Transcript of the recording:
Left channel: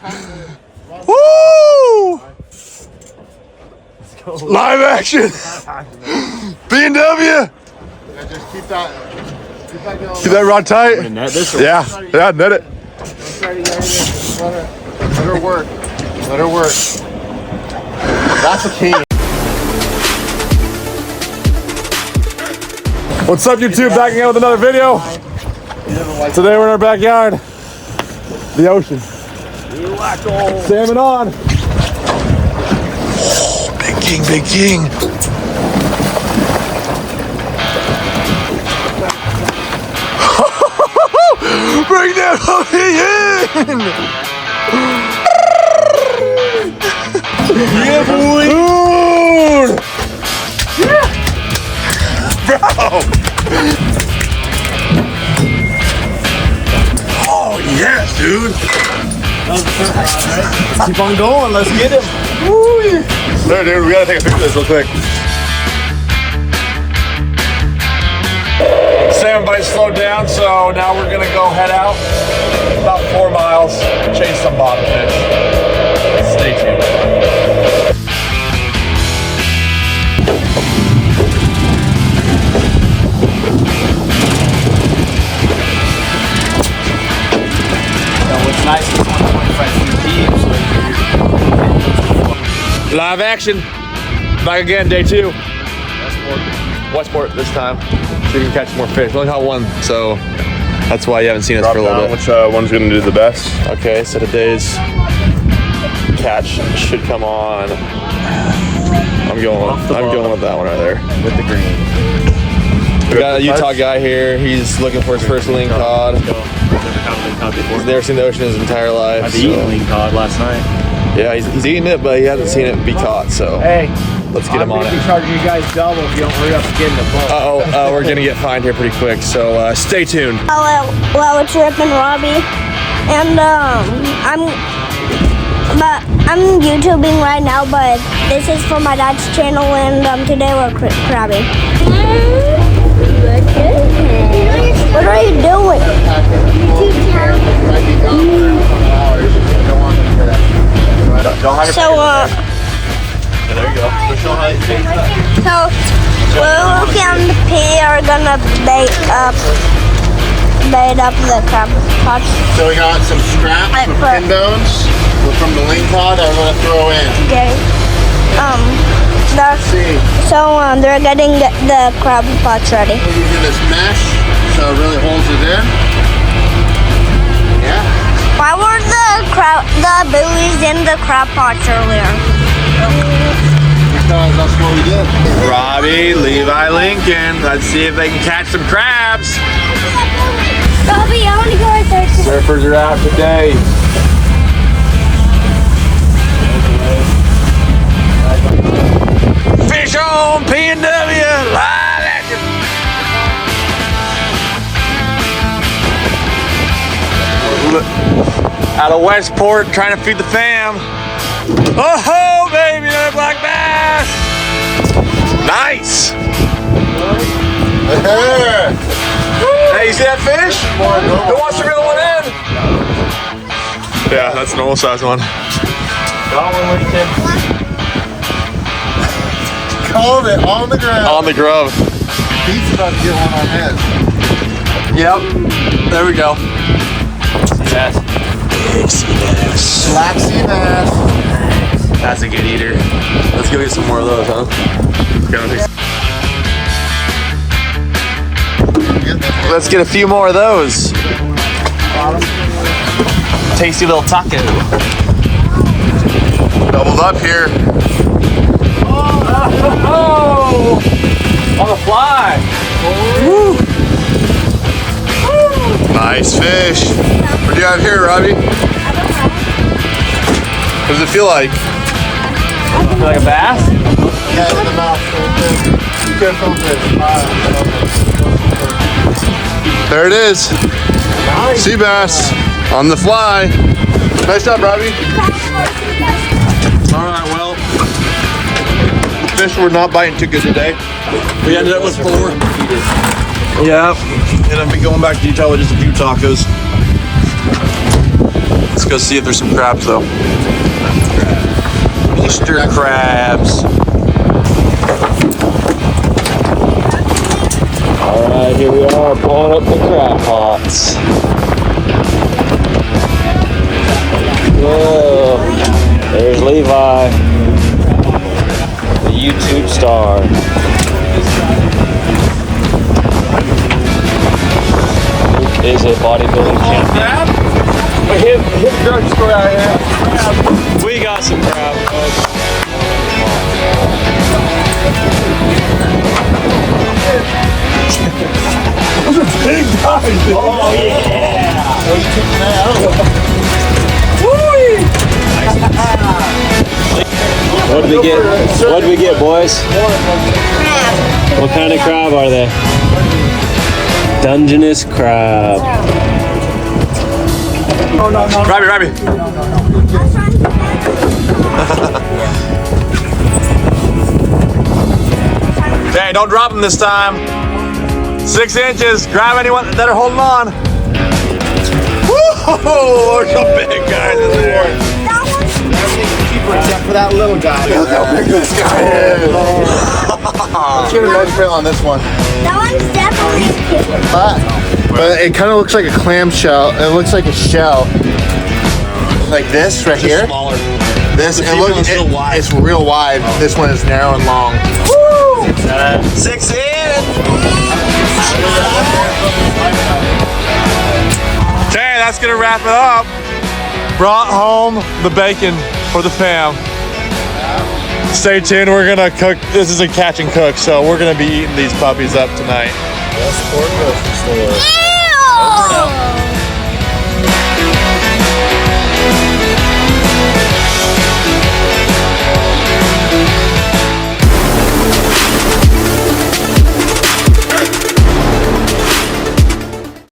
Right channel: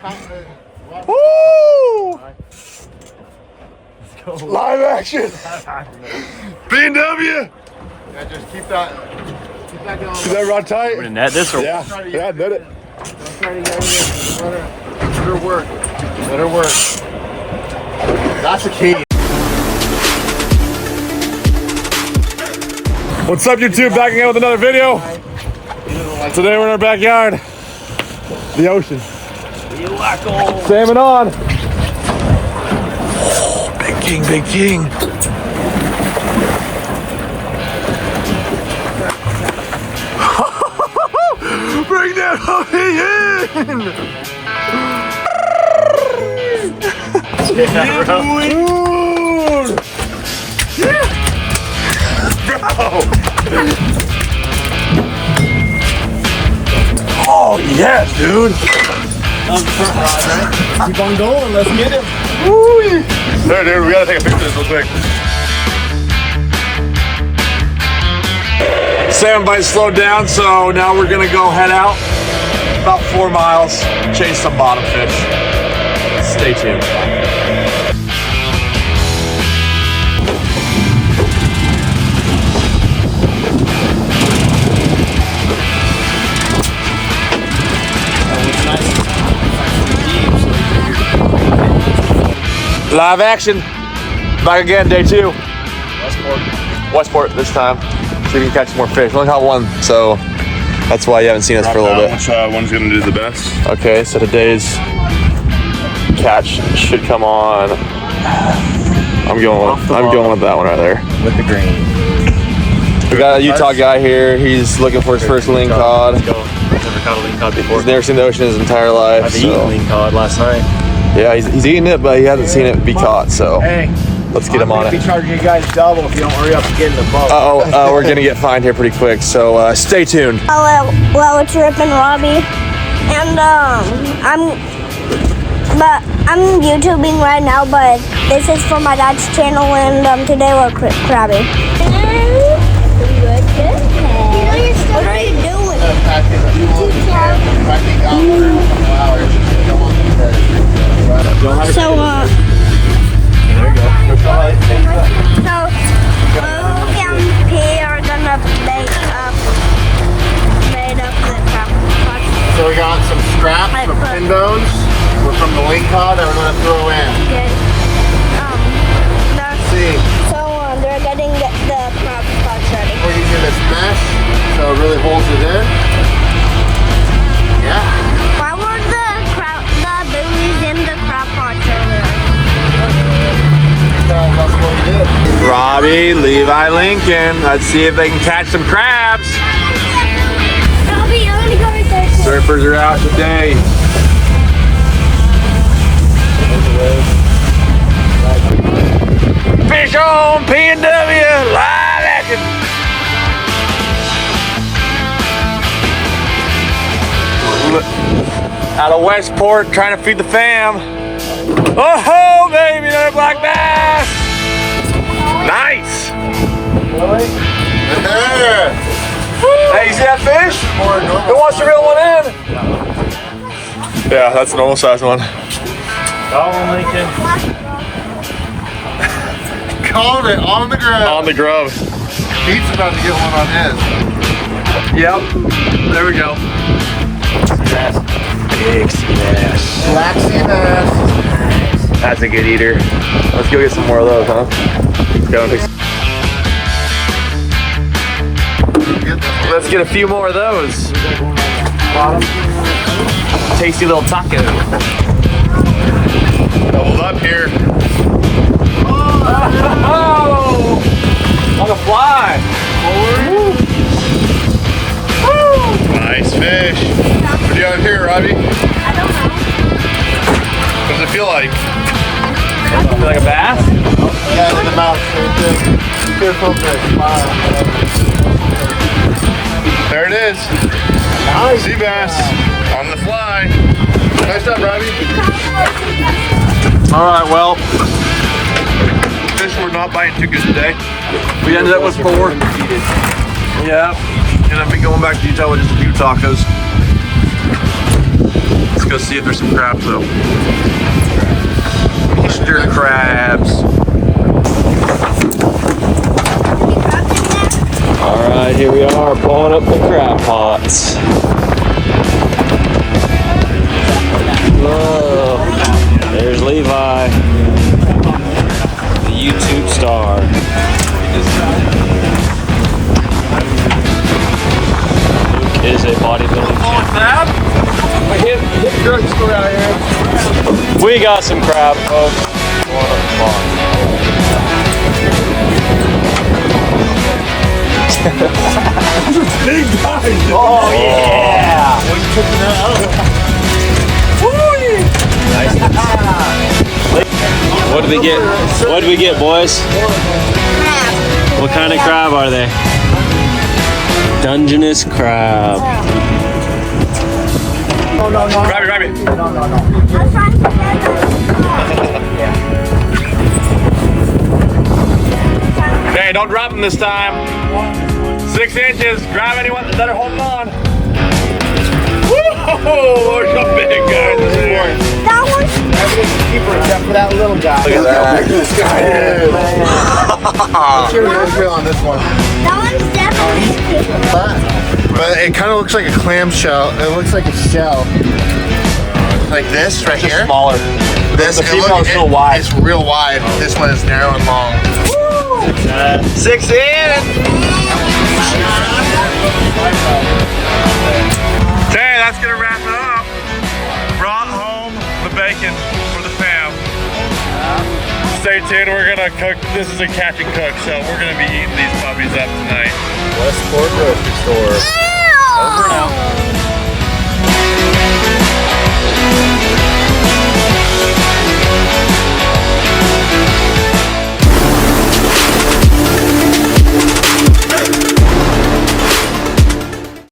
Woo! Live action. B&W. Just keep that going. Keep that rod tight. I'm gonna net this or Yeah, net it. Try to get everything. Let her work. Let her work. That's the key. What's up, YouTube? Back again with another video. Today we're in our backyard. The ocean. Salmon on. Oh, big king, big king. Bring that hoodie in. Yeah, boy. Dude. Bro. Oh, yes, dude. That was the front rod, right? Keep on going, let's get it. Woo. There, dude, we gotta take a picture of this real quick. Salmon bite slowed down, so now we're gonna go head out about 4 miles, chase some bottom fish. Stay tuned. Live action. Back again, day 2. Westport this time. See if we can catch more fish. We only caught one, so that's why you haven't seen us for a little bit. Which one's gonna do the best? Okay, so today's catch should come on. I'm going with that one right there. With the green. We got a Utah guy here. He's looking for his first lean cod. Let's go. He's never caught a lean cod before. He's never seen the ocean in his entire life. I've eaten lean cod last night. Yeah, he's eating it, but he hasn't seen it be caught, so Hey, let's get him on it. I'm charging you guys double if you don't hurry up and get in the boat. We're gonna get fined here pretty quick, so stay tuned. Hello, it's Chip and Robbie, and I'm YouTubing right now, but this is for my dad's channel, and today we're crabbing. What are you doing? YouTube channel. So, there you go. so Luke and P are gonna bait up the crab pots. So we got some scraps of pin bones from the ling cod that we're gonna throw in. Okay. See, So they're getting the crab pots ready. we're using this mesh so it really holds it in. Yeah. Why were the buoys in the crab pots earlier? Because that's what we did. Robbie, Levi, Lincoln. Let's see if they can catch some crabs. Robbie, I want to go right there. Surfers are out today. Fish on P&W, live action. Out of Westport, trying to feed the fam. Oh, baby, another black bass. Nice. There. Hey, you see that fish? Who wants to reel one in? Yeah, that's a normal size one. Called it on the ground. On the grub. Pete's about to get one on his. Yep. There we go. Bass. Big sea bass. Black sea bass. That's a good eater. Let's go get some more of those, huh? Let's get a few more of those. Tasty little taco. Doubled up here. Oh! On the fly. Nice fish. What do you got here, Robbie? I don't know. What does it feel like? Like a bass? Yeah, in the mouth. Good focus. There it is. Sea bass on the fly. Nice job, Robbie. All right, well, fish were not biting too good today. We ended up with 4. Yeah, and I'll be going back to Utah with just a few tacos. Let's go see if there's some crabs though. Easter crabs. All right, here we are pulling up the crab pots. Whoa, there's Levi, the YouTube star. Luke is a bodybuilding champion. Hit the drugstore out here. We got some crab, folks. Big guys. Oh yeah! What did we get? What did we get, boys? What kind of crab are they? Dungeness crab. No. Grab me. Hey, don't drop them this time. 6 inches. Grab anyone that are holding on. Whoa! Look how big, guys. Keeper except for that little guy. Look at how big this guy is. Let's get a no kill on this one. That one's definitely But it kind of looks like a clamshell. It looks like a shell. Like this right here. Smaller. This It looks real wide. It's real wide. This one is narrow and long. Woo! 6 in. Okay, that's gonna wrap it up. Brought home the bacon for the fam. Stay tuned, we're gonna cook. This is a catch and cook, so we're gonna be eating these puppies up tonight. Westport grocery store.